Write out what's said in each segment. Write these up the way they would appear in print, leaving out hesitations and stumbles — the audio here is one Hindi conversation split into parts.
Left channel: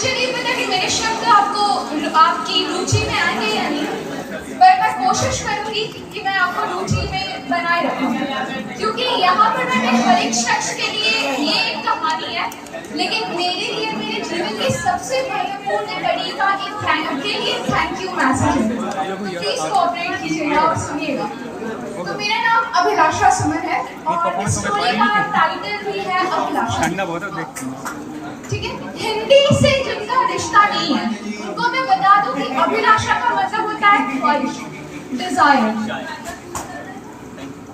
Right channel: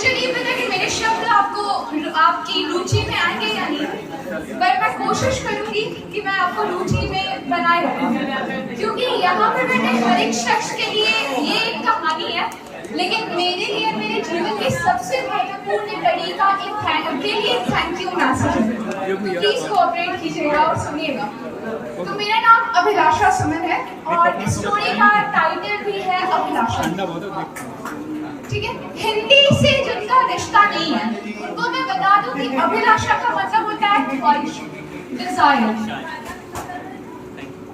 मुझे नहीं पता कि मेरे शब्द आपको आपकी रुचि में आएंगे या नहीं, पर मैं कोशिश करूंगी कि मैं आपको रुचि में बनाए रखूं, क्योंकि यहाँ पर मैंने हर एक शख्स के लिए ये एक कहानी है, लेकिन मेरे लिए मेरे जीवन की सबसे महत्वपूर्ण कड़ी का एक थैंक यू मैसेज है। तो प्लीज कोऑपरेट कीजिएगा और सुनिएगा। तो मेरा नाम अभिलाषा सुमन है और इस स्टोरी का टाइटल भी है अभिलाषा। ठीक है, हिंदी से जिनका रिश्ता नहीं है उनको मैं बता दूं कि अभिलाषा का मतलब होता है ख्वाहिश, डिजायर।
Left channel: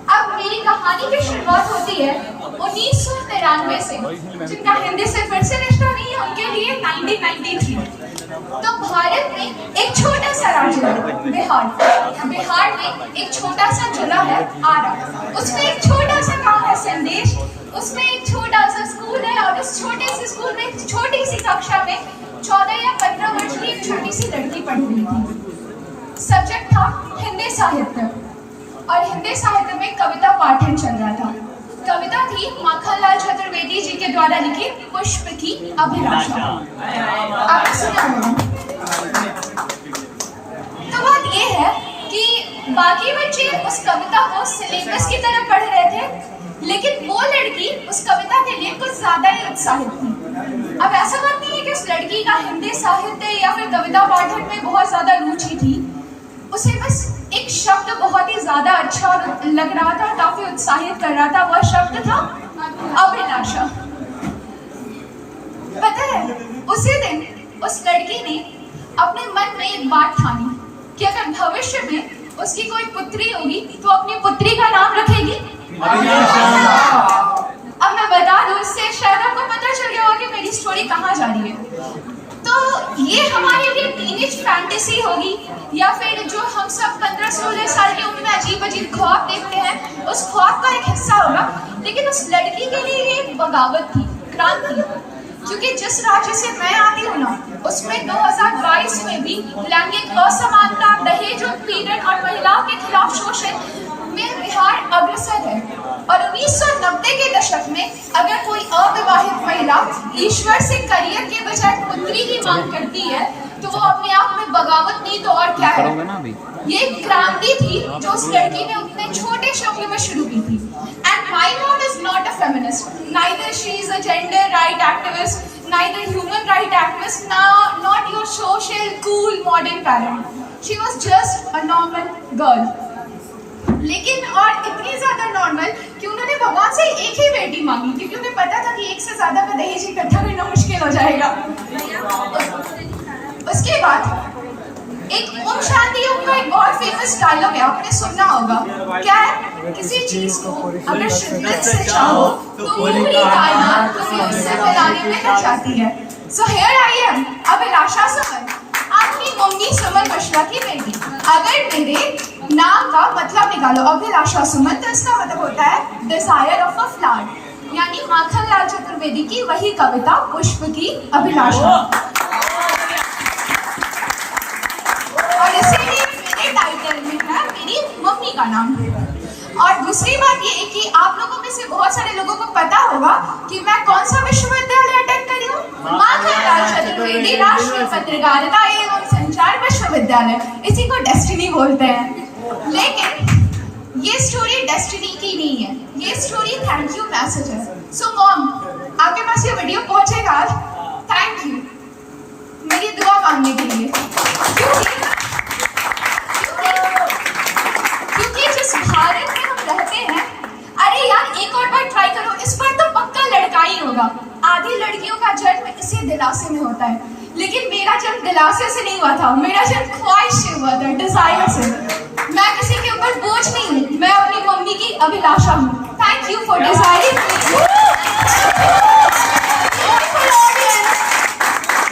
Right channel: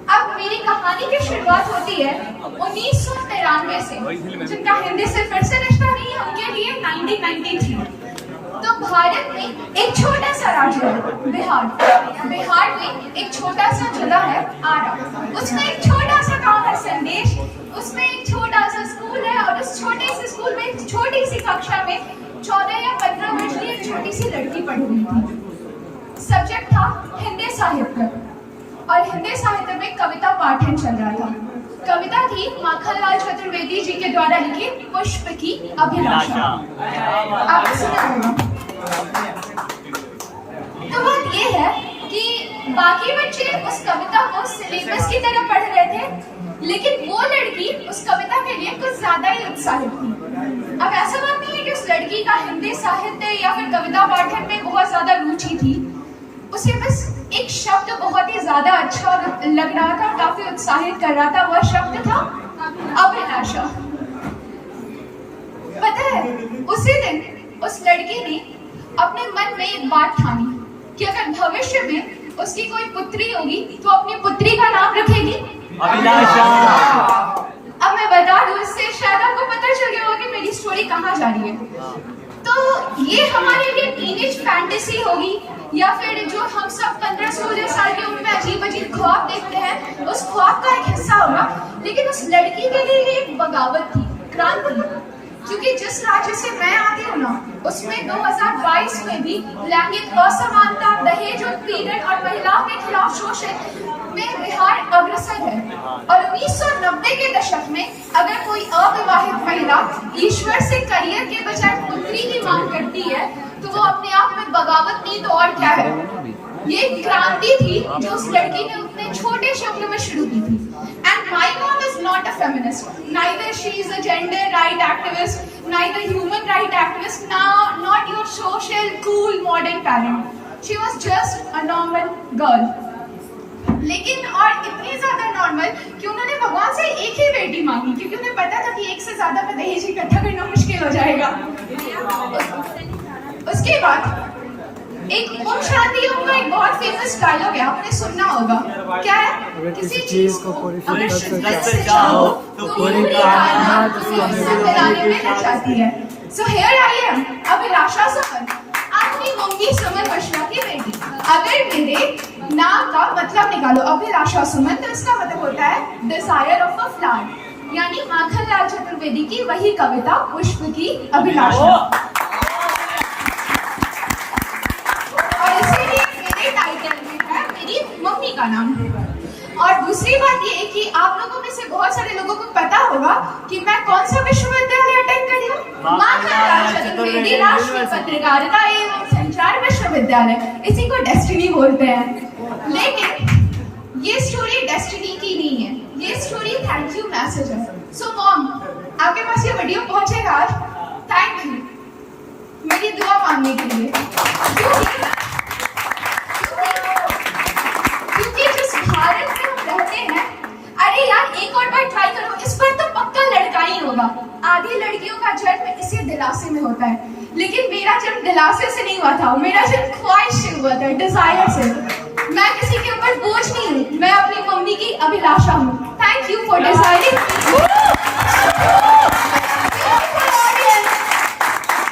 अब मेरी कहानी की शुरुआत होती है 1993 से। जिनका हिंदी से फिर से रिश्ता नहीं है उनके लिए 1993। तो भारत में एक छोटा सा राज्य है बिहार में एक छोटा सा जिला है आरा। उसमें एक छोटा सा गांव है संदेश, उसमें एक छोटा सा स्कूल है और उस छोटे से स्कूल में एक छोटी सी कक्षा में 14 या 15 वर्ष की एक छोटी सी लड़की पढ़ रही थी। सब्जेक्ट था हिंदी साहित्य और हिंदी साहित्य में कविता पाठन चल रहा था। कविता थी माखनलाल चतुर्वेदी जी के द्वारा लिखी पुष्प की अभिलाषा। आपने सुना होगा। तो बात ये है कि बाकी बच्चे उस कविता को सिलेबस की तरह पढ़ रहे थे, लेकिन वो लड़की उस कविता के लिए कुछ ज्यादा ही उत्साहित थी। अब ऐसा बात नहीं है कि उस लड़की का हिंदी साहित्य या फिर कविता पाठन में बहुत ज्यादा रुचि थी, उसे बस एक शब्द बहुत ही ज्यादा अच्छा लग रहा था, काफी उत्साहित कर रहा था। वह शब्द था अभिलाषा। पता है, उसी दिन उस लड़की ने अपने मन में एक बात ठानी कि अगर भविष्य में उसकी कोई पुत्री होगी तो अपनी पुत्री का नाम रखेगी अभिलाषा। अब मैं बता दूं, इससे शायद आपको पता चल गया होगा कि मेरी स्टोरी कहाँ जा रही है। तो ये हमारे लिए टीनेज फैंटेसी होगी या फिर जो हम सब 15-16 साल की उम्र में अजीब अजीब ख्वाब देखते हैं, उस ख्वाब का एक हिस्सा होगा। लेकिन उस लड़की के लिए ये एक बगावत थी, क्रांति। क्योंकि जिस राज्य से मैं आती हूँ ना, उसमें 2022 में भी लैंगिक असमानता, दहेज उत्पीड़न और महिलाओं के खिलाफ शोषण में बिहार अग्रसर है। और 1990 के दशक में अगर कोई अविवाहित महिला ईश्वर से करियर के बजाय पुत्री की मांग करती है तो वो अपने आप में बगावत नहीं तो और क्या है। ये क्रांति थी जो उस लड़की ने उतने छोटे से उम्र में शुरू की थी। And my mom is not a feminist, neither she is a gender right activist, neither human right activist, not your social cool modern parent. She was just a normal girl. लेकिन और इतनी ज्यादा नॉर्मल कि उन्होंने भगवान से एक ही बेटी मांगी, क्योंकि उन्हें पता था कि एक से ज्यादा का दहेज इकट्ठा करना मुश्किल हो जाएगा। उसके बाद एक ओम शांति ओम का एक बहुत फेमस डायलॉग है, आपने सुनना होगा। क्या है? किसी चीज को अगर शिद्दत से चाहो तो पूरी कायनात तुम्हें उससे मिलाने में लग जाती है। सो हियर आई एम, अभिलाषा सुमन, आपकी मम्मी सुमन मिश्रा की बेटी। अगर मेरे नाम का मतलब निकालो अभिलाषा सुमन, तो इसका मतलब होता है डिजायर ऑफ अ फ्लावर, यानी माखनलाल चतुर्वेदी की वही कविता पुष्प की अभिलाषा। और इसीलिए मेरे टाइटल में है मेरी मम्मी का नाम। और दूसरी बात ये कि आप लोगों में से बहुत सारे लोगों को पता होगा कि मैं कौन सा विश्वविद्यालय अटेंड करी हूँ, माखनलाल चतुर्वेदी राष्ट्रीय पत्रकारिता एवं संचार विश्वविद्यालय। इसी को डेस्टिनी बोलते हैं। लेकिन ये स्टोरी डेस्टिनी की नहीं है, ये स्टोरी थैंक यू मैसेज है। सो मॉम, आपके पास ये वीडियो पहुंचेगा आज, थैंक यू मेरी दुआ मांगने के लिए। क्योंकि जिस भारत में हम रहते हैं, अरे यार एक और बार ट्राई करो, इस बार तो पक्का लड़का ही होगा। आधी लड़कियों का जन्म इसी दिलासे में होता है, लेकिन मेरा जन्म दिलासे से नहीं हुआ था, मेरा जन्म ख्वाहिश से हुआ था, डिजायर से। मैं किसी के ऊपर बोझ नहीं हूँ, मैं अपनी मम्मी की अभिलाषा हूँ। Thank you for desiring.